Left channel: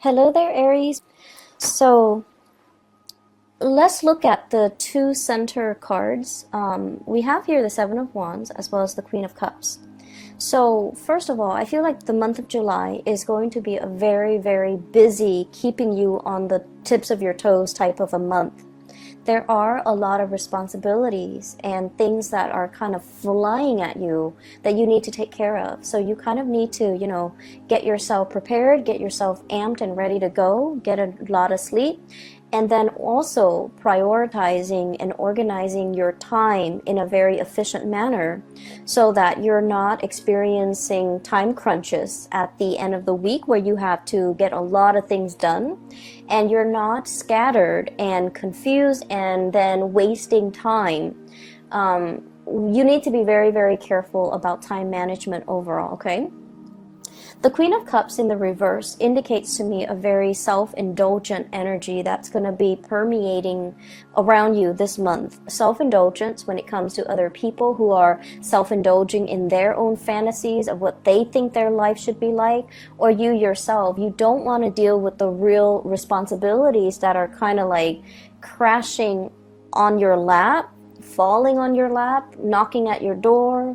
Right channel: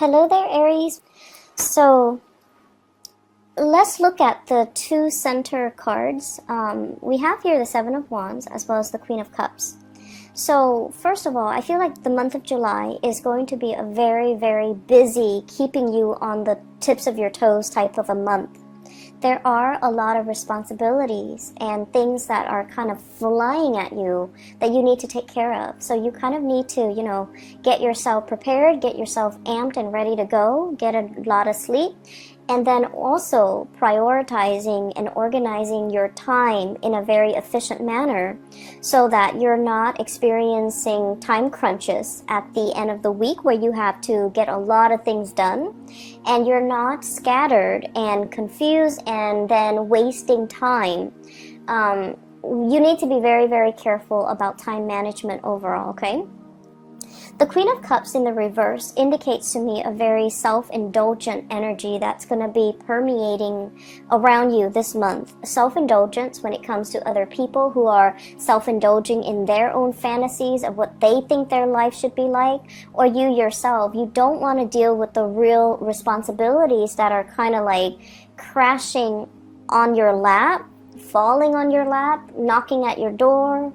Hello there, Aries. So let's look at the two center cards. We have here the Seven of Wands as well as the Queen of Cups. So first of all, I feel like the month of July is going to be a very, very busy, keeping you on the tips of your toes type of a month. There are a lot of responsibilities and things that are kind of flying at you that you need to take care of. So you kind of need to, get yourself prepared, get yourself amped and ready to go, get a lot of sleep, and then also prioritizing and organizing your time in a very efficient manner so that you're not experiencing time crunches at the end of the week where you have to get a lot of things done and you're not scattered and confused and then wasting time. You need to be very, very careful about time management overall, okay? The Queen of Cups in the reverse indicates to me a very self-indulgent energy that's going to be permeating around you this month. Self-indulgence when it comes to other people who are self-indulging in their own fantasies of what they think their life should be like, or you yourself. You don't want to deal with the real responsibilities that are kind of like crashing on your lap, falling on your lap, knocking at your door,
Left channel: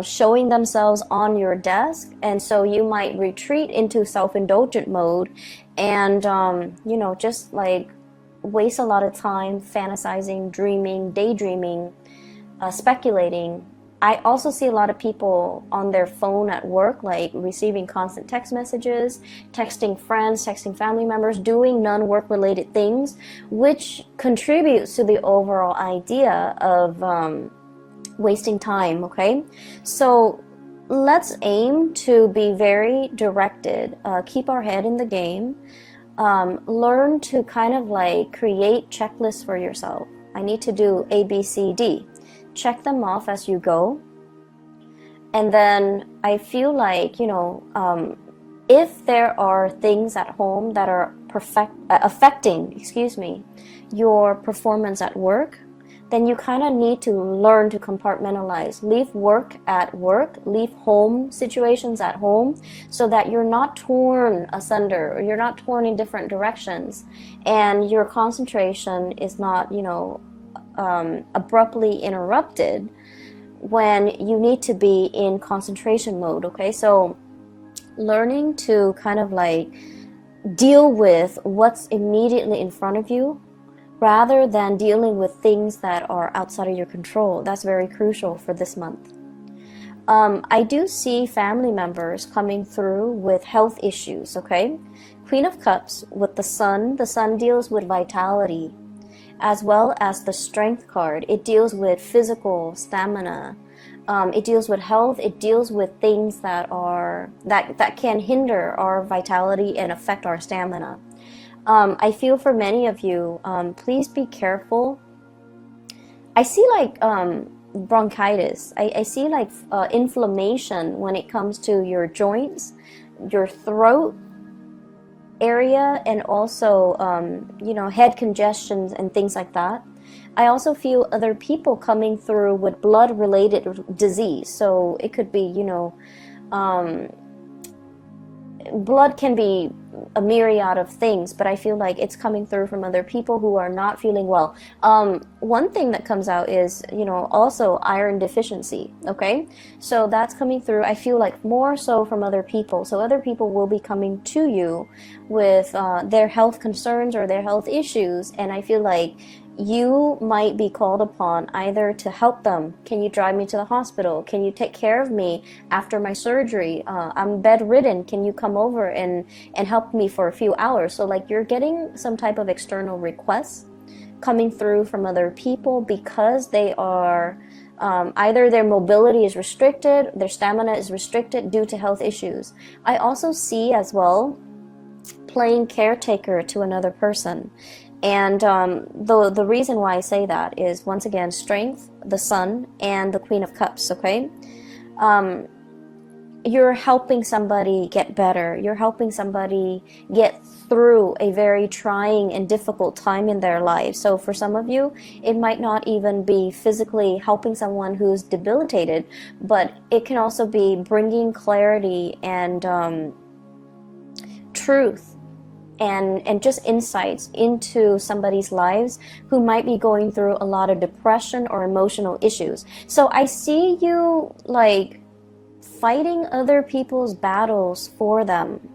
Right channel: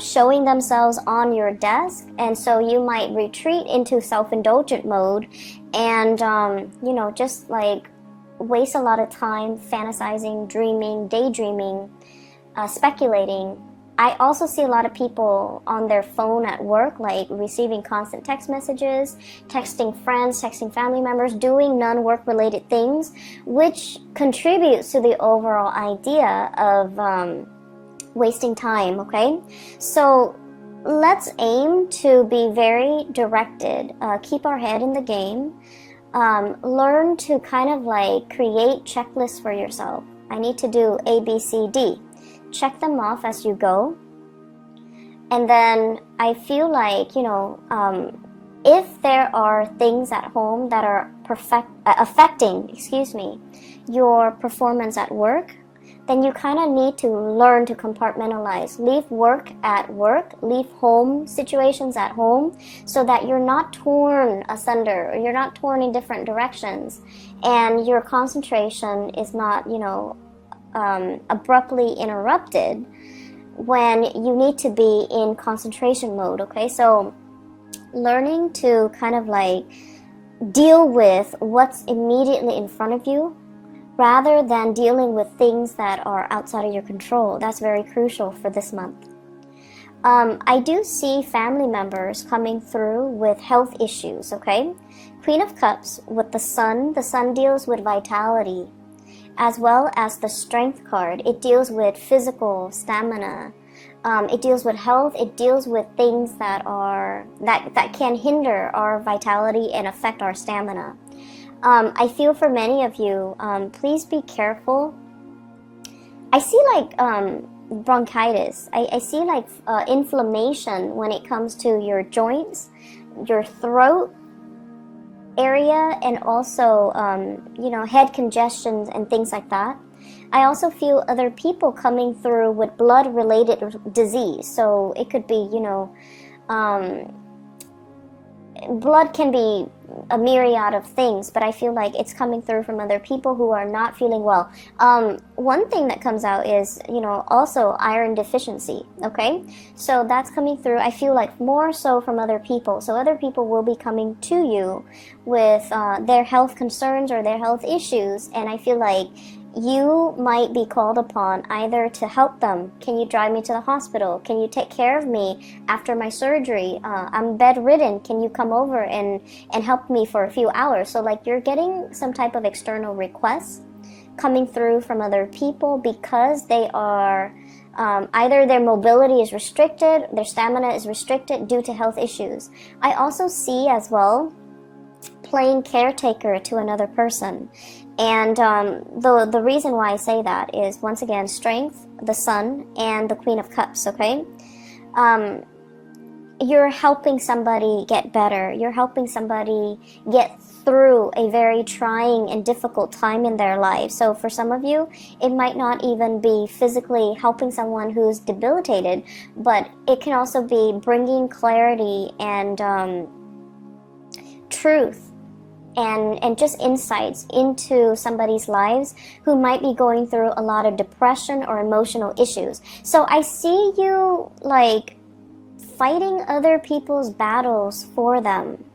showing themselves on your desk, and so you might retreat into self-indulgent mode and, just like waste a lot of time fantasizing, dreaming, daydreaming, speculating. I also see a lot of people on their phone at work, like receiving constant text messages, texting friends, texting family members, doing non-work related things, which contributes to the overall idea of wasting time, okay? So let's aim to be very directed, keep our head in the game, learn to kind of like create checklists for yourself. I need to do A, B, C, D. Check them off as you go. And then I feel like, if there are things at home that are affecting, your performance at work, then you kind of need to learn to compartmentalize. Leave work at work, leave home situations at home, so that you're not torn asunder, or you're not torn in different directions, and your concentration is not, abruptly interrupted when you need to be in concentration mode, okay? So learning to kind of like deal with what's immediately in front of you, rather than dealing with things that are outside of your control. That's very crucial for this month. I do see family members coming through with health issues, okay? Queen of Cups with the Sun deals with vitality, as well as the Strength card. It deals with physical stamina. It deals with health. It deals with things that can hinder our vitality and affect our stamina. I feel for many of you, please be careful. I see like bronchitis. I see like inflammation when it comes to your joints, your throat area, and also, head congestion and things like that. I also feel other people coming through with blood-related disease. So it could be, blood can be a myriad of things, but I feel like it's coming through from other people who are not feeling well. One thing that comes out is, also iron deficiency, okay? So that's coming through, I feel like, more so from other people. So other people will be coming to you with their health concerns or their health issues, and I feel like you might be called upon either to help them. Can you drive me to the hospital? Can you take care of me after my surgery? I'm bedridden. Can you come over and help me for a few hours? So like you're getting some type of external requests coming through from other people because they are either their mobility is restricted, their stamina is restricted due to health issues. I also see as well playing caretaker to another person. And the reason why I say that is, once again, Strength, the Sun, and the Queen of Cups, okay? You're helping somebody get better. You're helping somebody get through a very trying and difficult time in their life. So for some of you, it might not even be physically helping someone who's debilitated, but it can also be bringing clarity and truth and just insights into somebody's lives who might be going through a lot of depression or emotional issues. So I see you like fighting other people's battles for them.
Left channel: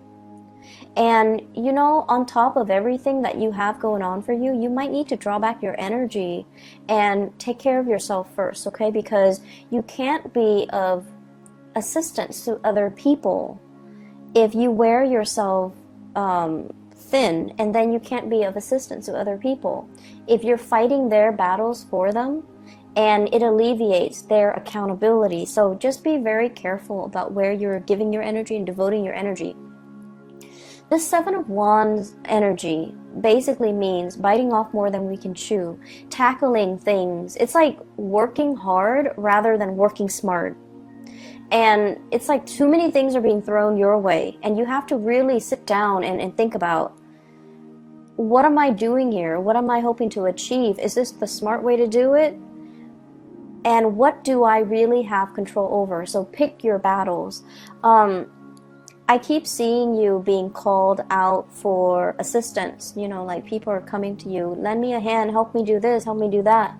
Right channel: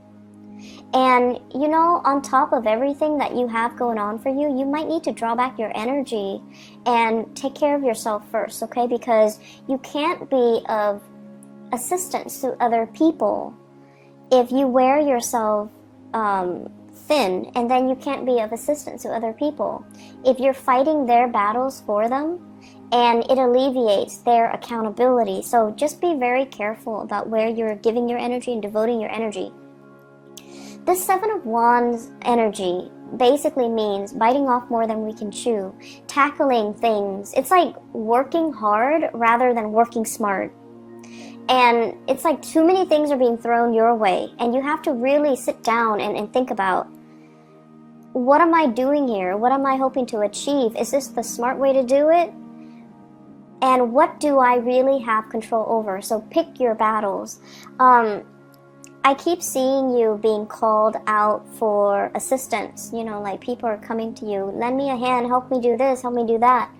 And, you know, on top of everything that you have going on for you, you might need to draw back your energy and take care of yourself first, okay? Because you can't be of assistance to other people if you wear yourself thin, and then you can't be of assistance to other people. If you're fighting their battles for them, and it alleviates their accountability. So just be very careful about where you're giving your energy and devoting your energy. This Seven of Wands energy basically means biting off more than we can chew, tackling things. It's like working hard rather than working smart. And it's like too many things are being thrown your way, and you have to really sit down and think about, what am I doing here? What am I hoping to achieve? Is this the smart way to do it? And what do I really have control over? So pick your battles. I keep seeing you being called out for assistance. You know, like people are coming to you, lend me a hand, help me do this, help me do that.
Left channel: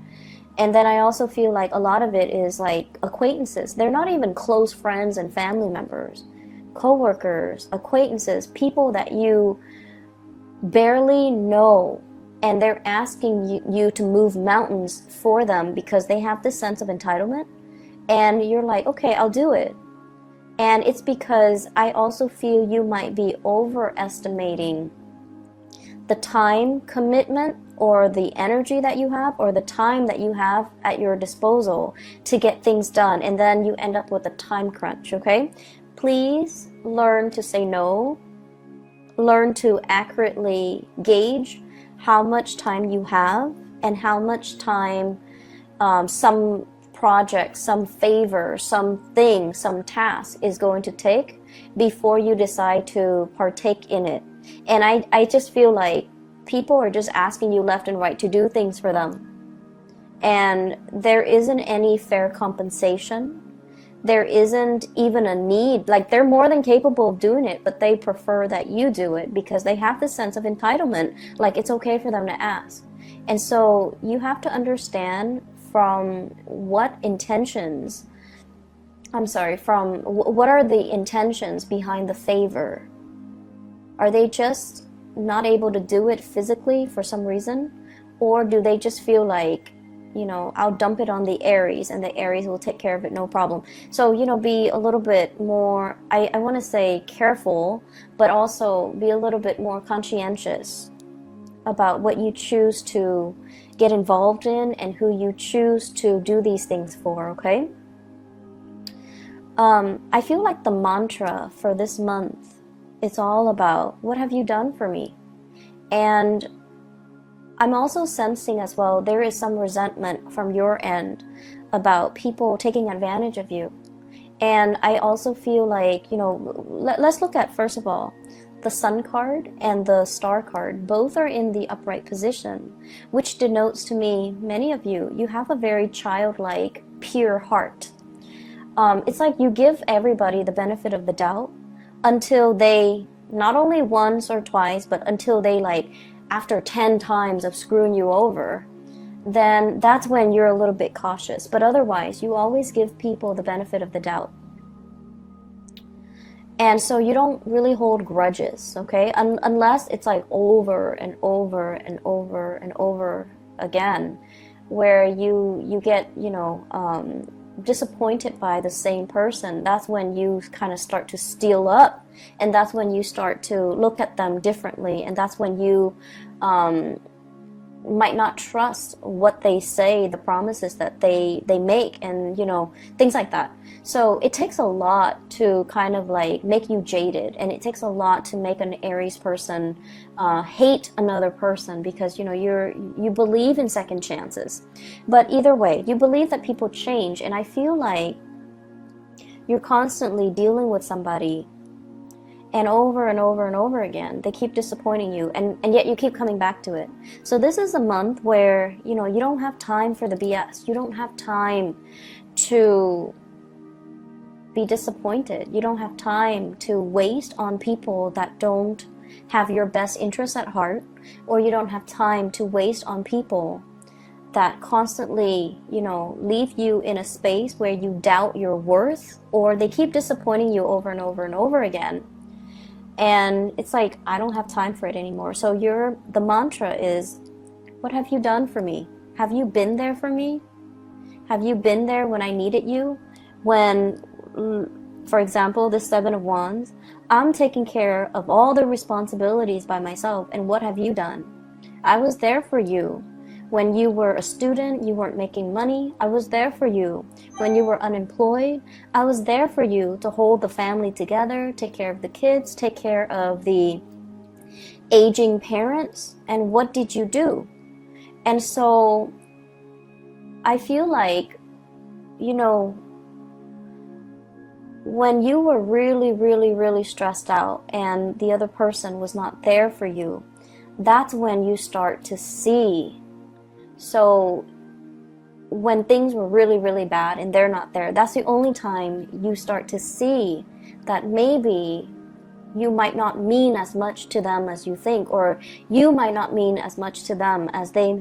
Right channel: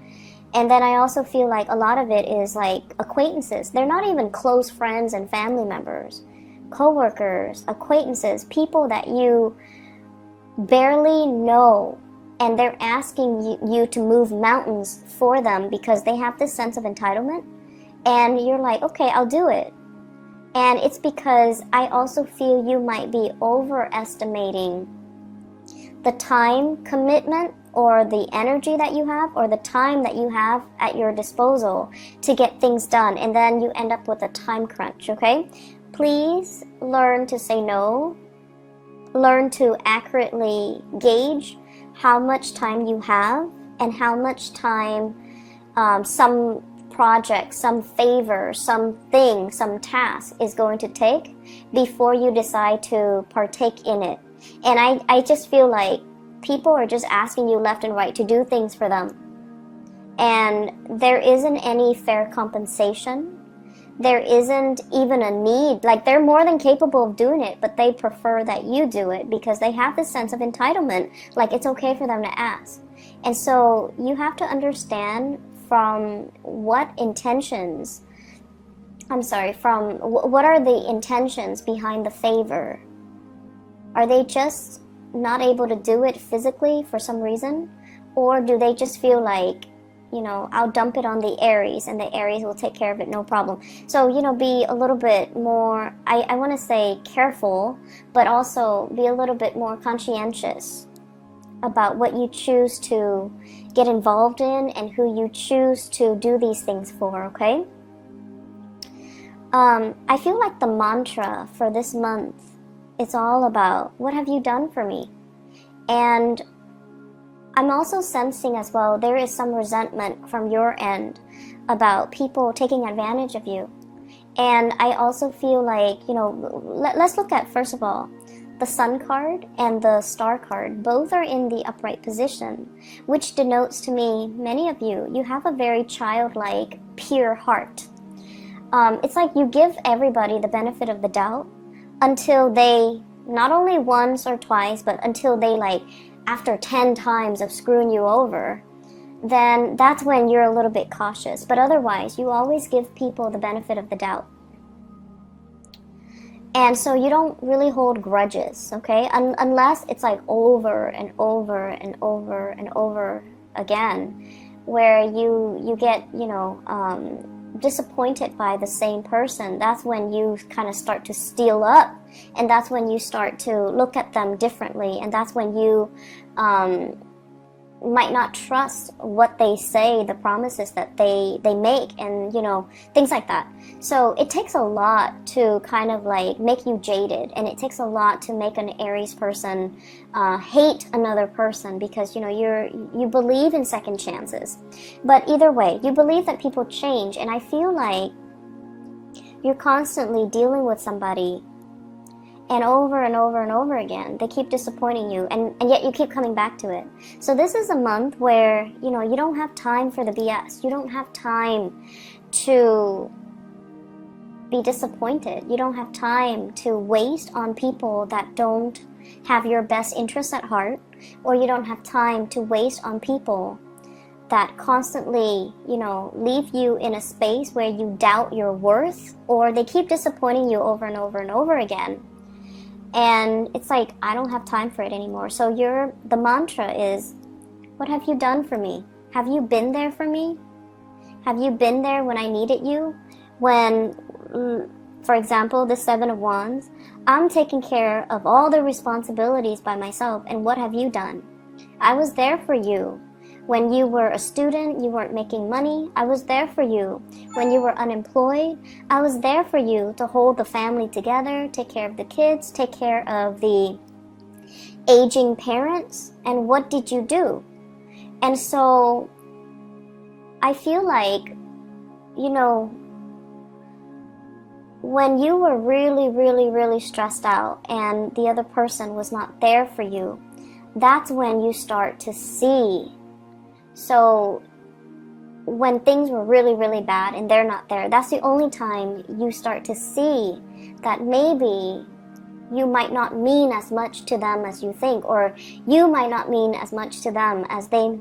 And then I also feel like a lot of it is like acquaintances. They're not even close friends and family members. Co-workers, acquaintances, people that you barely know. And they're asking you to move mountains for them because they have this sense of entitlement. And you're like, okay, I'll do it. And it's because I also feel you might be overestimating the time commitment or the energy that you have or the time that you have at your disposal to get things done. And then you end up with a time crunch, okay? Please learn to say no. Learn to accurately gauge how much time you have and how much time some project, some favor, something, some task is going to take before you decide to partake in it. And I just feel like people are just asking you left and right to do things for them. And there isn't any fair compensation. There isn't even a need. Like, they're more than capable of doing it, but they prefer that you do it because they have this sense of entitlement. Like, it's okay for them to ask. And so you have to understand from what are the intentions behind the favor? Are they just not able to do it physically for some reason? Or do they just feel like, you know, I'll dump it on the ARIES and the ARIES will take care of it, no problem. So, you know, be a little bit more, I want to say careful, but also be a little bit more conscientious about what you choose to get involved in and who you choose to do these things for, okay? I feel like the mantra for this month is all about, what have you done for me? And I'm also sensing as well, there is some resentment from your end about people taking advantage of you. And I also feel like, you know, let's look at, first of all, the Sun card and the Star card. Both are in the upright position, which denotes to me, many of you, you have a very childlike, pure heart. It's like you give everybody the benefit of the doubt until they, not only once or twice, but until they, like, after 10 times of screwing you over, then that's when you're a little bit cautious. But otherwise, you always give people the benefit of the doubt. And so you don't really hold grudges, okay? Unless it's like over and over and over and over again, where you get, you know, disappointed by the same person. That's when you kind of start to steel up, and that's when you start to look at them differently, and that's when you might not trust what they say, the promises that they make, and, you know, things like that. So it takes a lot to kind of like make you jaded, and it takes a lot to make an Aries person hate another person, because, you know, you believe in second chances. But either way, you believe that people change, and I feel like you're constantly dealing with somebody, and over and over and over again, they keep disappointing you, and yet you keep coming back to it. So this is a month where, you know, you don't have time for the BS. You don't have time to be disappointed. You don't have time to waste on people that don't have your best interests at heart, or you don't have time to waste on people that constantly, leave you in a space where you doubt your worth, or they keep disappointing you over and over and over again. And it's like, I don't have time for it anymore. So the mantra is, what have you done for me? Have you been there for me? Have you been there when I needed you? When, for example, the Seven of Wands, I'm taking care of all the responsibilities by myself, and what have you done? I was there for you. When you were a student, you weren't making money, I was there for you. When you were unemployed, I was there for you to hold the family together, take care of the kids, take care of the aging parents, and what did you do? And so, I feel like, when you were really, really, really stressed out and the other person was not there for you, that's when you start to see. So when things were really, really bad and they're not there, that's the only time you start to see that maybe you might not mean as much to them as you think, or you might not mean as much to them as they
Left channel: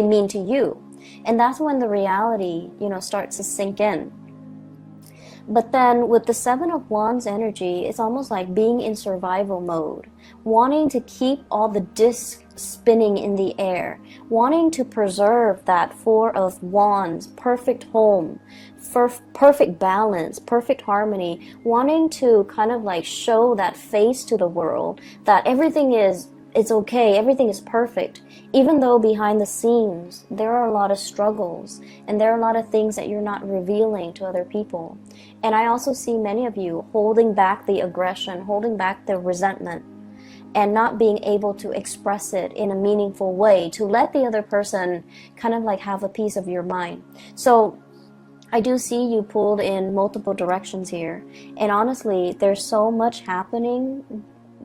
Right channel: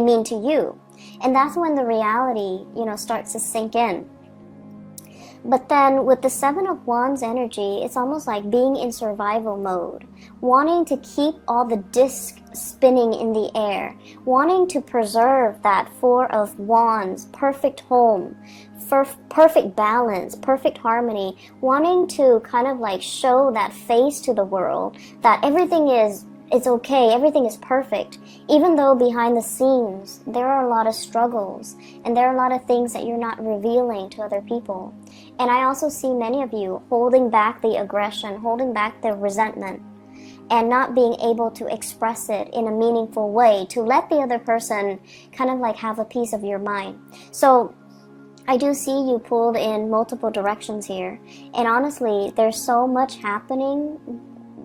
mean to you. And that's when the reality, starts to sink in. But then with the Seven of Wands energy, it's almost like being in survival mode, wanting to keep all the discs spinning in the air, wanting to preserve that Four of Wands, perfect home, perfect balance, perfect harmony, wanting to kind of like show that face to the world, that everything is okay, everything is perfect, even though behind the scenes there are a lot of struggles and there are a lot of things that you're not revealing to other people. And I also see many of you holding back the aggression, holding back the resentment, and not being able to express it in a meaningful way to let the other person kind of like have a piece of your mind. So I do see you pulled in multiple directions here, and honestly, there's so much happening.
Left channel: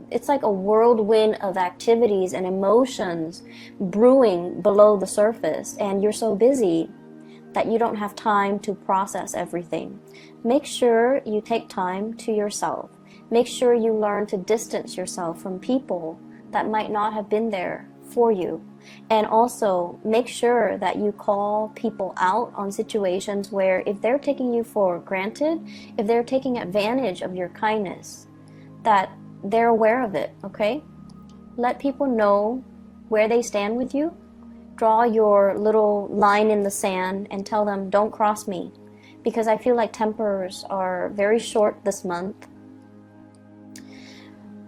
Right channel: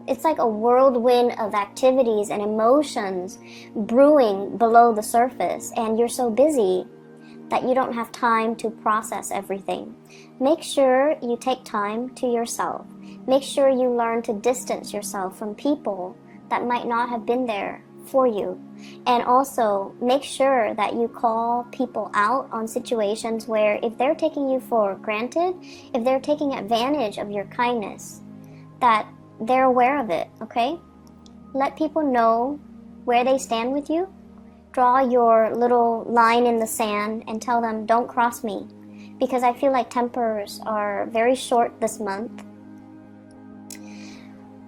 It's like a whirlwind of activities and emotions brewing below the surface, and you're so busy that you don't have time to process everything. Make sure you take time to yourself. Make sure you learn to distance yourself from people that might not have been there for you. And also, make sure that you call people out on situations where if they're taking you for granted, if they're taking advantage of your kindness, that they're aware of it, okay? Let people know where they stand with you. Draw your little line in the sand and tell them, don't cross me. Because I feel like tempers are very short this month.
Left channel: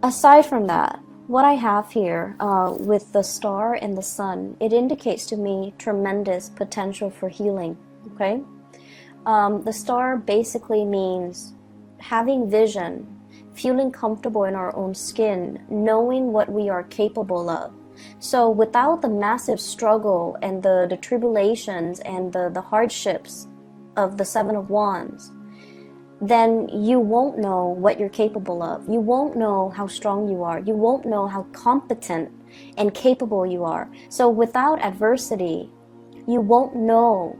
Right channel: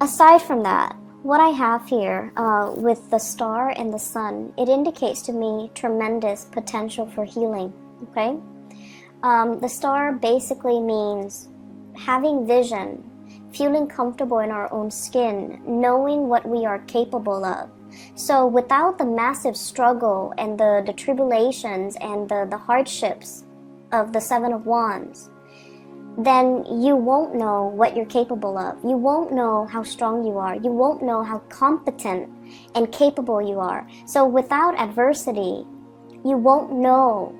Aside from that, what I have here with the star and the sun, it indicates to me tremendous potential for healing, okay? The star basically means having vision, feeling comfortable in our own skin, knowing what we are capable of. So without the massive struggle and the tribulations and the hardships of the Seven of Wands, then you won't know what you're capable of. You won't know how strong you are. You won't know how competent and capable you are. So without adversity, you won't know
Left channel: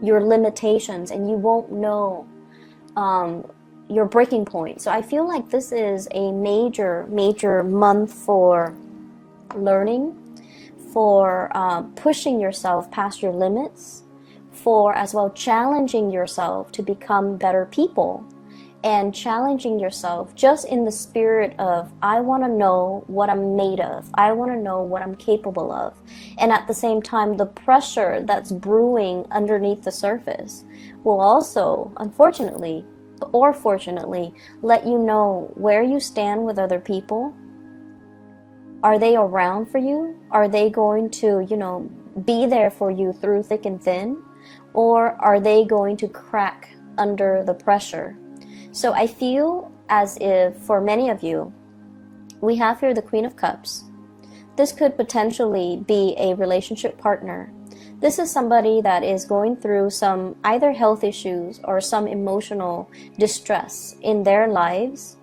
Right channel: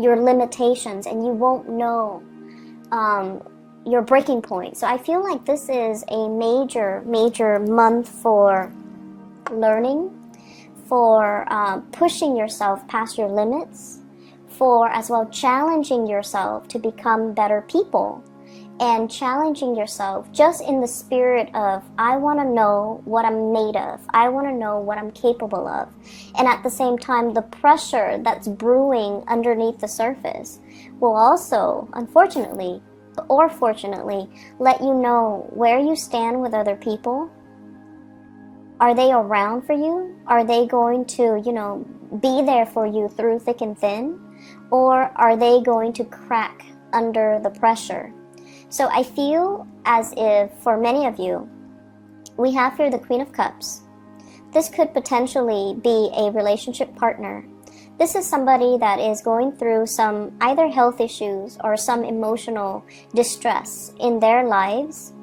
your limitations and you won't know your breaking point. So I feel like this is a major month for learning, for pushing yourself past your limits, for as well challenging yourself to become better people, and challenging yourself just in the spirit of, I want to know what I'm made of, I want to know what I'm capable of. And at the same time, the pressure that's brewing underneath the surface will also, unfortunately, or fortunately, let you know where you stand with other people. Are they around for you? Are they going to, be there for you through thick and thin? Or are they going to crack under the pressure? So I feel as if, for many of you, we have here the Queen of Cups. This could potentially be a relationship partner. This is somebody that is going through some either health issues or some emotional distress in their lives.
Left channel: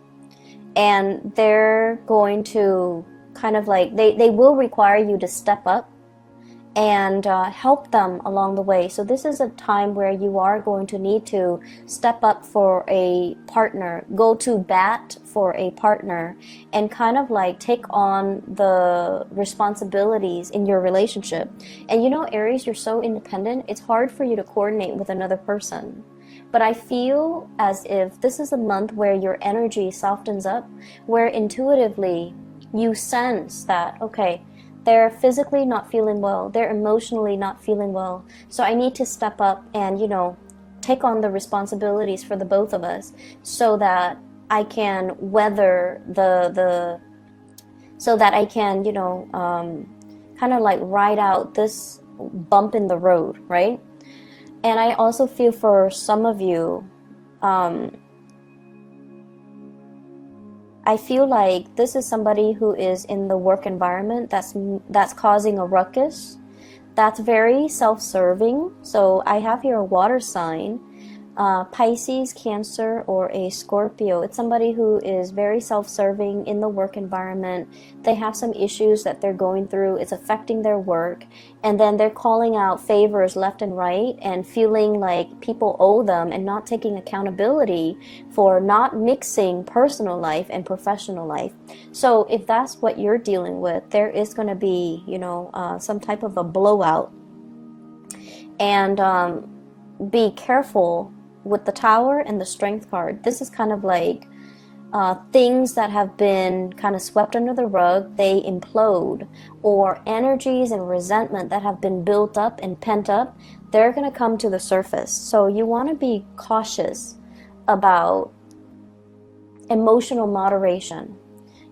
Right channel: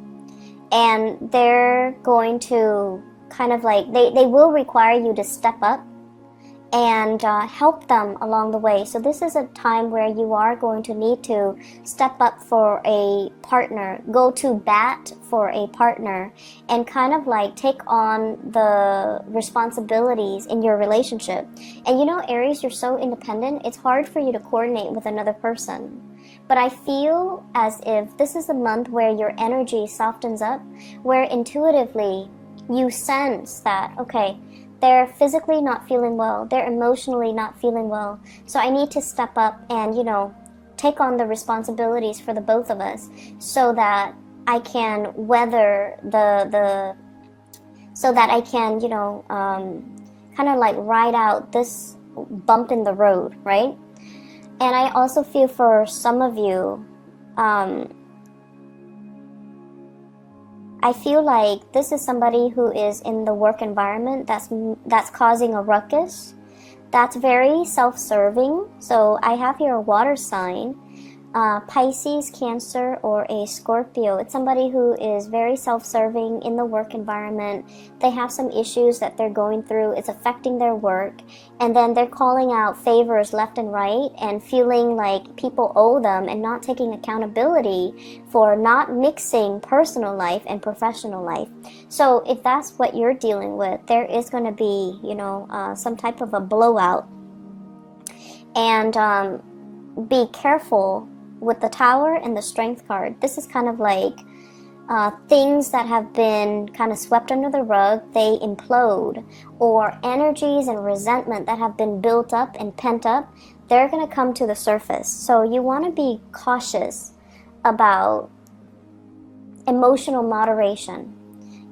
And they're going to kind of like, they will require you to step up and help them along the way. So this is a time where you are going to need to step up for a partner, go to bat for a partner, and kind of like take on the responsibilities in your relationship. And you know, Aries, you're so independent, it's hard for you to coordinate with another person. But I feel as if this is a month where your energy softens up, where intuitively you sense that, okay, they're physically not feeling well, they're emotionally not feeling well, so I need to step up and, you know, take on the responsibilities for the both of us so that I can weather so that I can, you know, kind of like ride out this bump in the road, right? And I also feel for some of you, I feel like this is somebody who is in the work environment that's causing a ruckus, that's very self-serving. So I have here a water sign, Pisces, Cancer, or a Scorpio. It's somebody who is very self-serving in the work environment. They have some issues that they're going through. It's affecting their work. And then they're calling out favors left and right and feeling like people owe them and not taking accountability for not mixing personal life and professional life. So if that's what you're dealing with, there is going to be, you know, some type of a blowout. And be careful with the Tower and the Strength card. This is kind of like things that have been kind of swept under the rug, they implode, or energies and resentment that have been built up and pent up, they're going to come to the surface. So you want to be cautious about emotional moderation.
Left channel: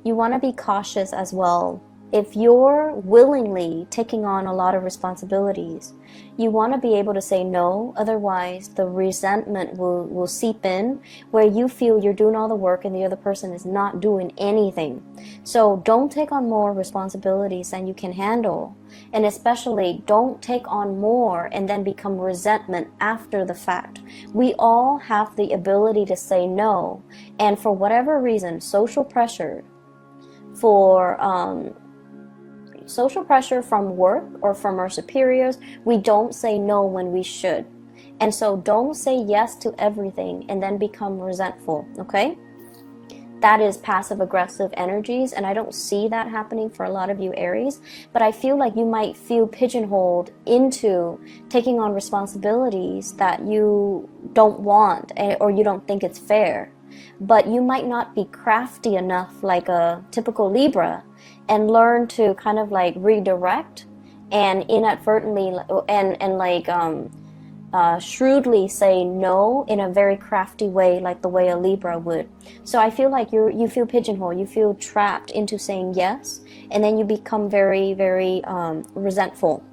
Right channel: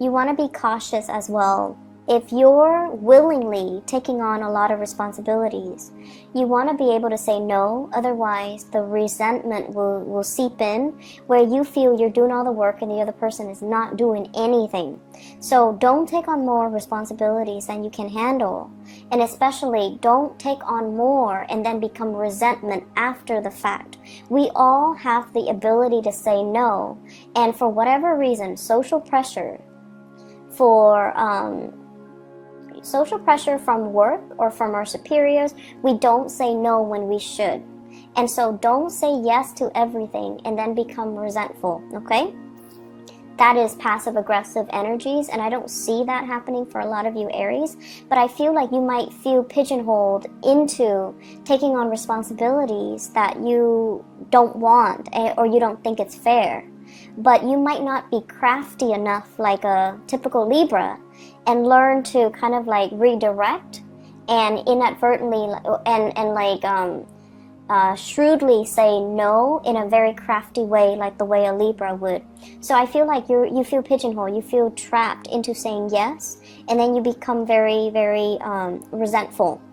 You want to be cautious as well. If you're willingly taking on a lot of responsibilities, you want to be able to say no, otherwise the resentment will seep in where you feel you're doing all the work and the other person is not doing anything. So don't take on more responsibilities than you can handle. And especially don't take on more and then become resentment after the fact. We all have the ability to say no. And for whatever reason, social pressure from work or from our superiors, we don't say no when we should. And so don't say yes to everything and then become resentful, okay? That is passive-aggressive energies, and I don't see that happening for a lot of you Aries, but I feel like you might feel pigeonholed into taking on responsibilities that you don't want or you don't think it's fair. But you might not be crafty enough like a typical Libra and learn to kind of like redirect and inadvertently shrewdly say no in a very crafty way, like the way a Libra would. So I feel like you feel pigeonholed, you feel trapped into saying yes, and then you become very, very resentful.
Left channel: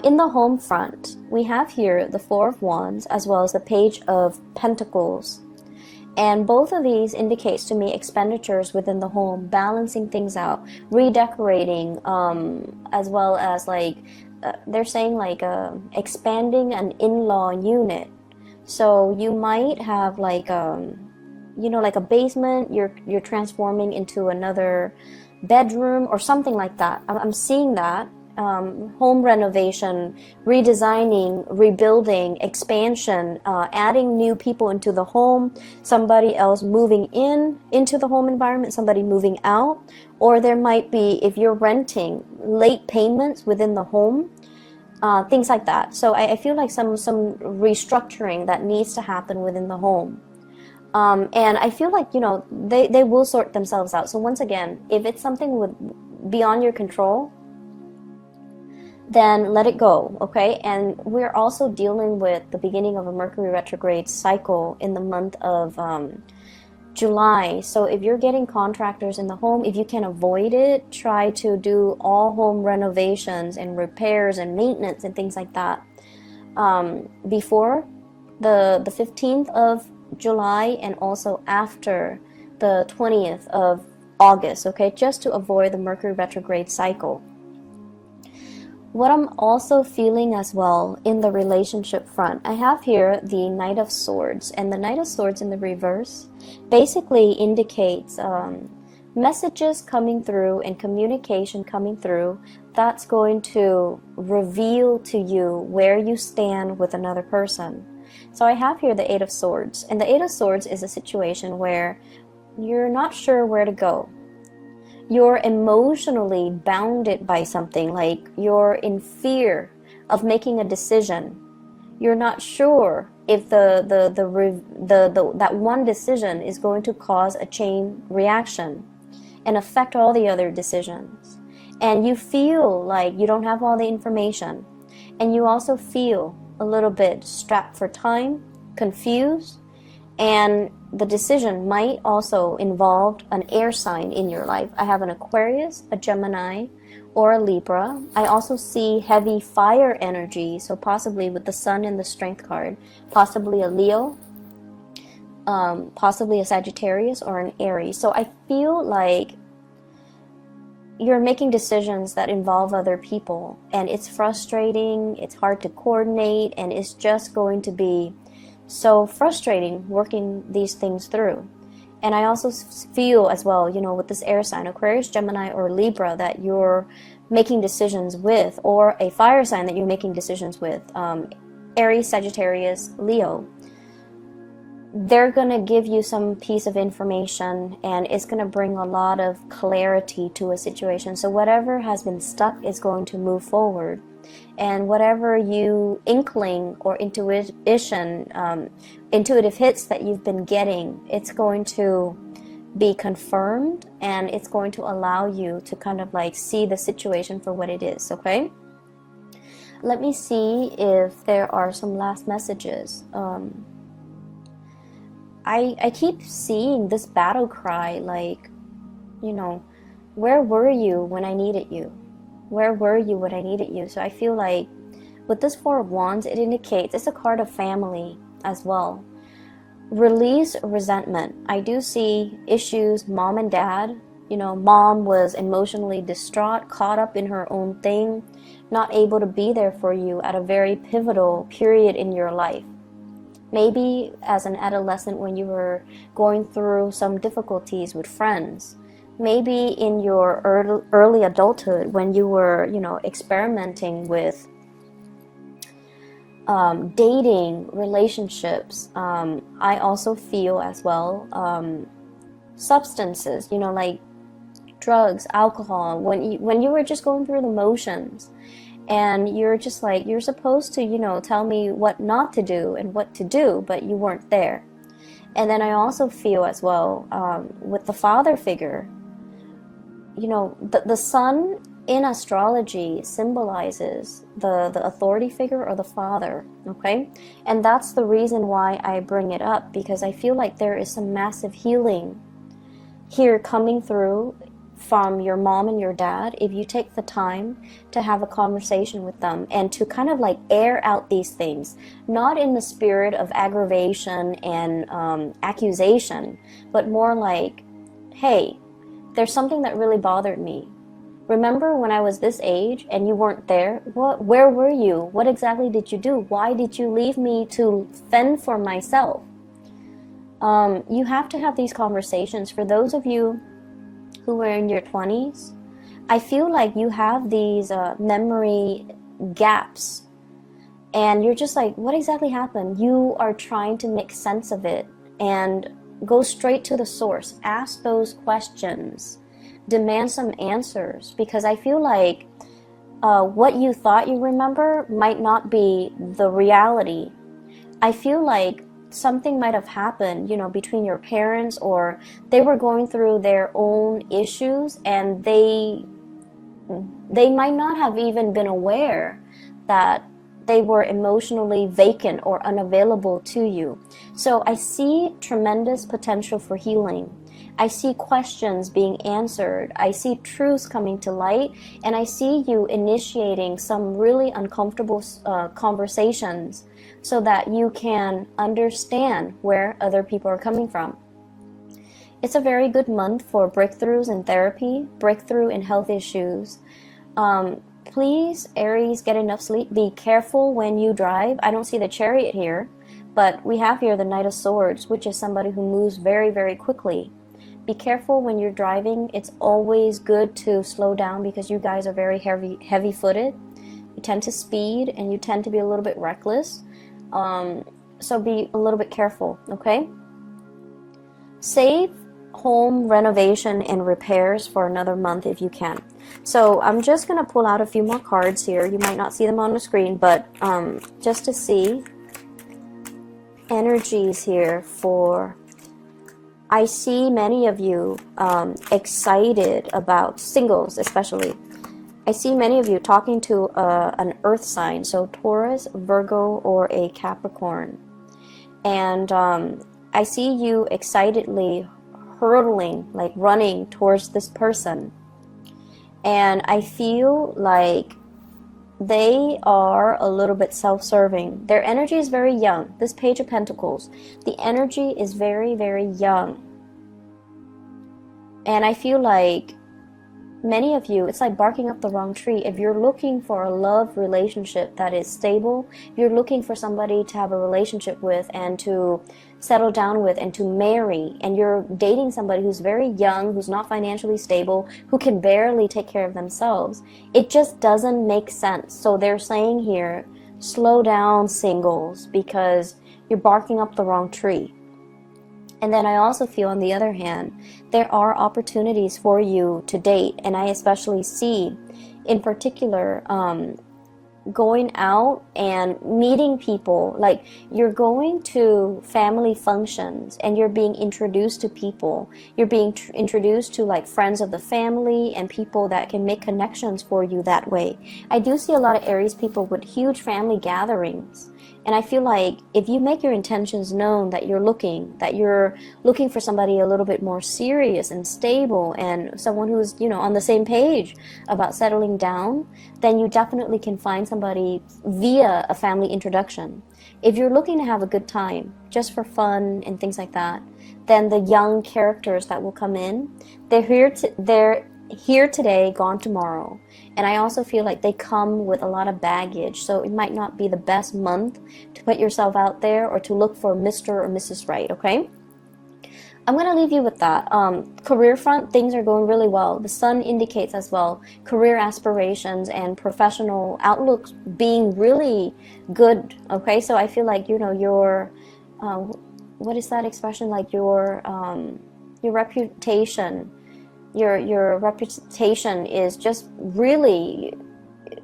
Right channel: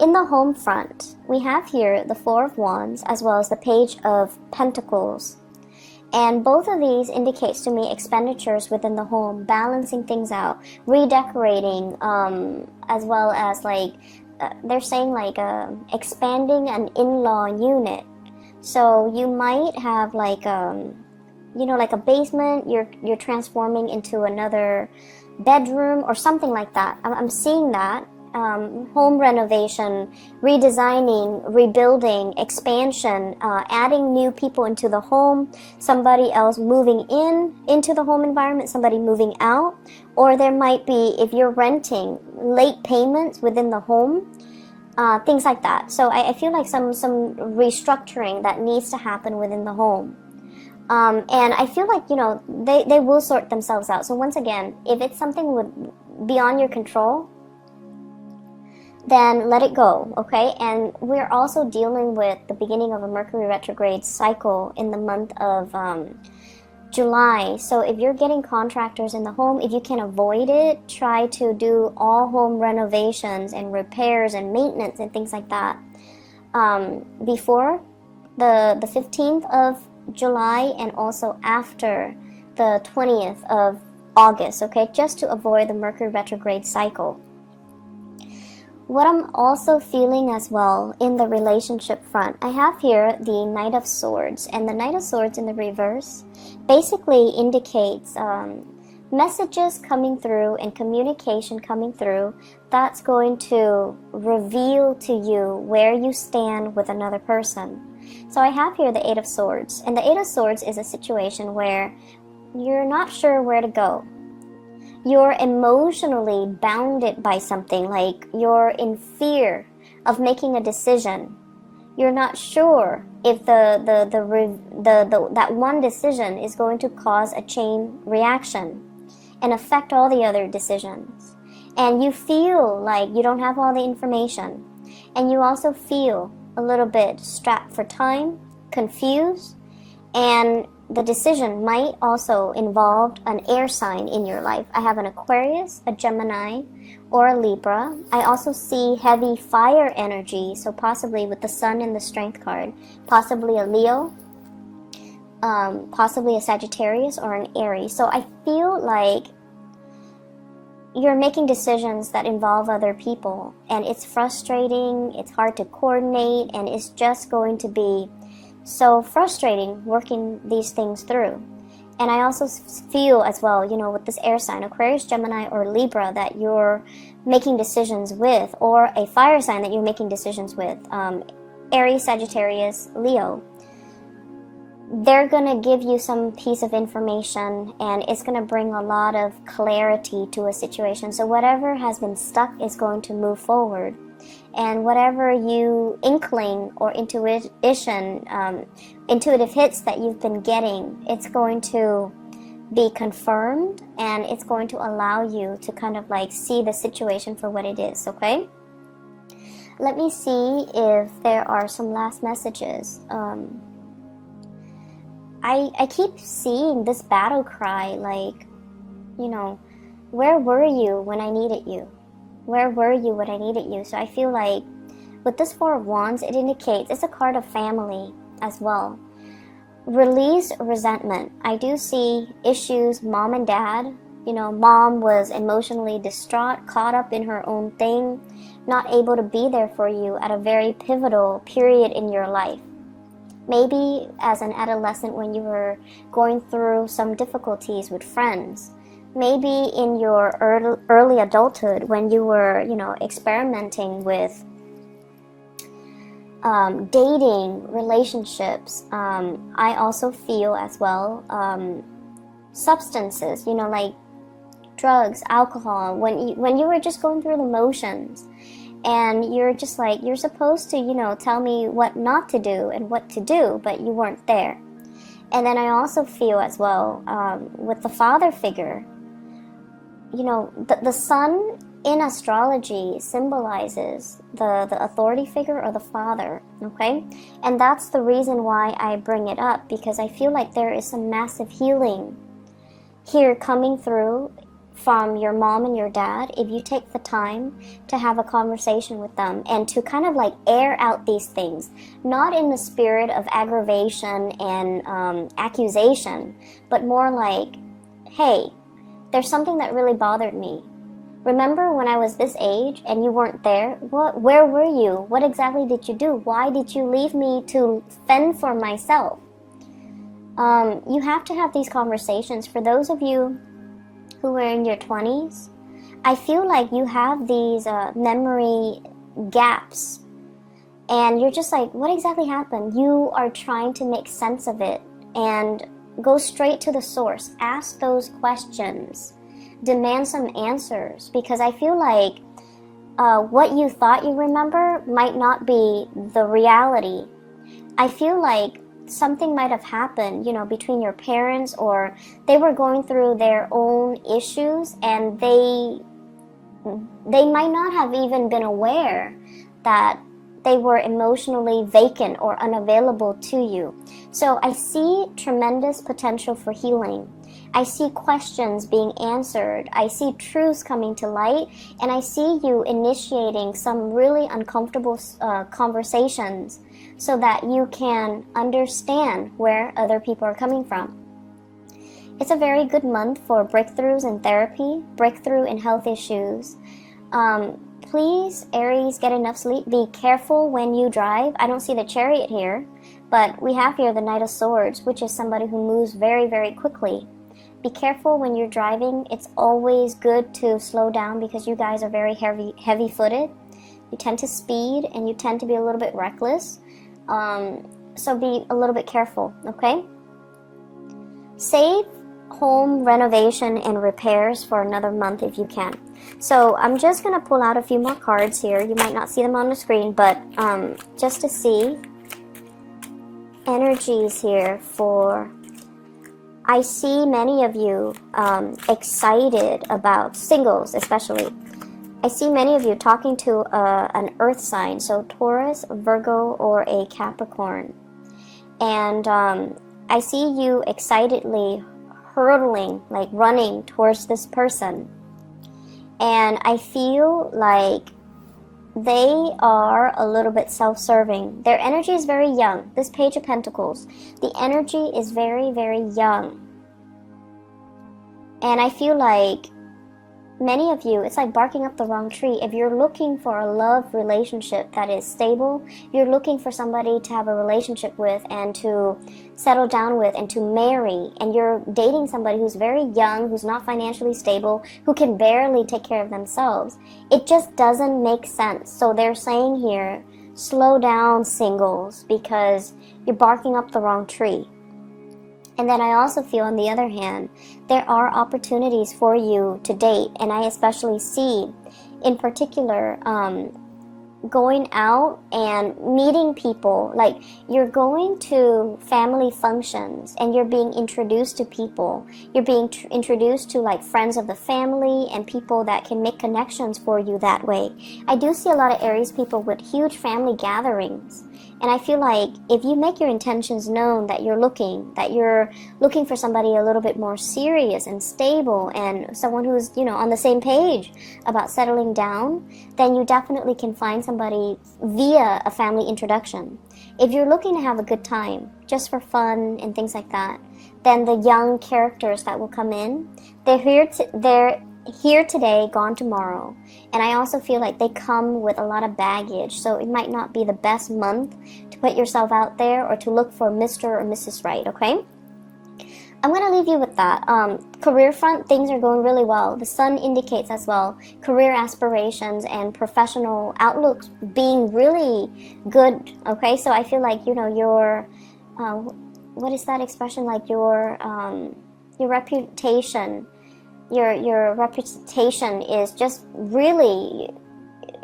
In the home front, we have here the Four of Wands as well as the Page of Pentacles. And both of these indicates to me expenditures within the home, balancing things out, redecorating, as well as like, they're saying like expanding an in-law unit. So you might have like, you know, like a basement, you're transforming into another bedroom or something like that. I'm seeing that. Home renovation, redesigning, rebuilding, expansion, adding new people into the home, somebody else moving into the home environment, somebody moving out, or there might be, if you're renting, late payments within the home, things like that. So I feel like some restructuring that needs to happen within the home. And I feel like, you know, they will sort themselves out. So once again, if it's something beyond your control, then let it go, okay? And we're also dealing with the beginning of a Mercury retrograde cycle in the month of July. So if you're getting contractors in the home, if you can avoid it, try to do all home renovations and repairs and maintenance and things like that before the 15th of July and also after the 20th of August, okay? Just to avoid the Mercury retrograde cycle. What I'm also feeling as well in the relationship front, I have here the Knight of Swords, and the Knight of Swords in the reverse basically indicates messages coming through and communication coming through that's going to reveal to you where you stand with another person. So I have here the Eight of Swords, and the Eight of Swords is a situation where you're not sure where to go. You're emotionally bounded by something, like you're in fear of making a decision. You're not sure if that one decision is going to cause a chain reaction and affect all the other decisions. And you feel like you don't have all the information. And you also feel a little bit strapped for time, confused, and the decision might also involve an air sign in your life. I have an Aquarius, a Gemini, or a Libra. I also see heavy fire energy, so possibly with the Sun in the Strength card, possibly a Leo, possibly a Sagittarius, or an Aries. So I feel like you're making decisions that involve other people, and it's frustrating, it's hard to coordinate, and it's just going to be so frustrating working these things through. And I also feel as well, with this air sign, Aquarius, Gemini, or Libra, that you're making decisions with, or a fire sign that you're making decisions with, Aries, Sagittarius, Leo. They're going to give you some piece of information, and it's going to bring a lot of clarity to a situation. So whatever has been stuck is going to move forward. And whatever you inkling or intuitive hits that you've been getting, it's going to be confirmed, and it's going to allow you to kind of like see the situation for what it is, okay? Let me see if there are some last messages. I keep seeing this battle cry, like, where were you when I needed you? Where were you when I needed you? So I feel like with this Four of Wands, it indicates it's a card of family as well. Release resentment. I do see issues, mom and dad. Mom was emotionally distraught, caught up in her own thing, not able to be there for you at a very pivotal period in your life. Maybe as an adolescent when you were going through some difficulties with friends. Maybe in your early adulthood when you were, experimenting with dating, relationships. I also feel as well substances, like drugs, alcohol, when you were just going through the motions. And you're just like, you're supposed to, tell me what not to do and what to do, but you weren't there. And then I also feel as well, with the father figure, the sun in astrology symbolizes the authority figure or the father, okay? And that's the reason why I bring it up, because I feel like there is some massive healing here coming through from your mom and your dad, if you take the time to have a conversation with them and to kind of like air out these things, not in the spirit of aggravation and accusation, but more like, hey, there's something that really bothered me. Remember when I was this age and you weren't there? Where were you? What exactly did you do? Why did you leave me to fend for myself? You have to have these conversations. For those of you who are in your 20s, I feel like you have these memory gaps, and you're just like, what exactly happened? You are trying to make sense of it and go straight to the source. Ask those questions. Demand some answers, because I feel like what you thought you remember might not be the reality. I feel like something might have happened, between your parents, or they were going through their own issues, and they might not have even been aware that they were emotionally vacant or unavailable to you. So I see tremendous potential for healing. I see questions being answered. I see truths coming to light, and I see you initiating some really uncomfortable conversations so that you can understand where other people are coming from. It's a very good month for breakthroughs in therapy, breakthrough in health issues. Please, Aries, get enough sleep. Be careful when you drive. I don't see the Chariot here, but we have here the Knight of Swords, which is somebody who moves very, very quickly. be careful when you're driving. It's always good to slow down because you guys are very heavy-footed. You tend to speed and you tend to be a little bit reckless. So be a little bit careful, okay? Save home renovation and repairs for another month if you can. So I'm just going to pull out a few more cards here. You might not see them on the screen, but just to see energies here for... I see many of you excited about singles, especially. I see many of you talking to an earth sign, so Taurus, Virgo, or a Capricorn. And I see you excitedly hurtling, like running towards this person. And I feel like they are a little bit self-serving. Their energy is very young. This Page of Pentacles, the energy is very, very young. And I feel like many of you, it's like barking up the wrong tree. If you're looking for a love relationship that is stable, you're looking for somebody to have a relationship with and to settle down with and to marry, and you're dating somebody who's very young, who's not financially stable, who can barely take care of themselves, it just doesn't make sense. So they're saying here, slow down, singles, because you're barking up the wrong tree. And then I also feel, on the other hand, there are opportunities for you to date, and I especially see, in particular, going out and meeting people. Like, you're going to family functions, and you're being introduced to people. You're being introduced to, like, friends of the family and people that can make connections for you that way. I do see a lot of Aries people with huge family gatherings. And I feel like if you make your intentions known that you're looking for somebody a little bit more serious and stable and someone who's, you know, on the same page about settling down, then you definitely can find somebody via a family introduction. If you're looking to have a good time, just for fun and things like that, then the young characters that will come in, they're here today, gone tomorrow. And I also feel like they come with a lot of baggage, so it might not be the best month to put yourself out there or to look for Mr. or Mrs. Right, okay? I'm going to leave you with that. Career front, things are going really well. The sun indicates as well career aspirations and professional outlooks being really good, okay? So I feel like, you know, your, what is that expression, like your reputation, your reputation is just really,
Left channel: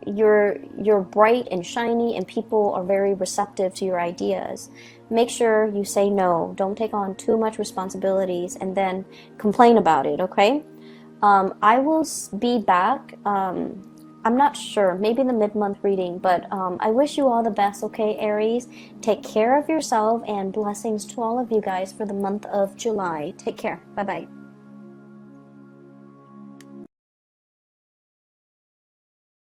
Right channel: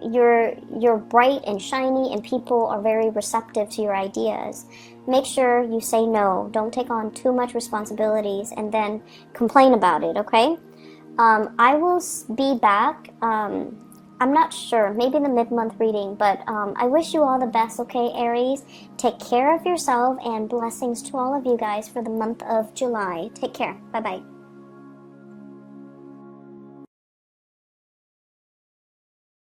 you're bright and shiny, and people are very receptive to your ideas. Make sure you say no. Don't take on too much responsibilities and then complain about it, okay? I will be back. I'm not sure, maybe the mid-month reading, but I wish you all the best, okay, Aries? Take care of yourself, and blessings to all of you guys for the month of July. Take care. Bye-bye.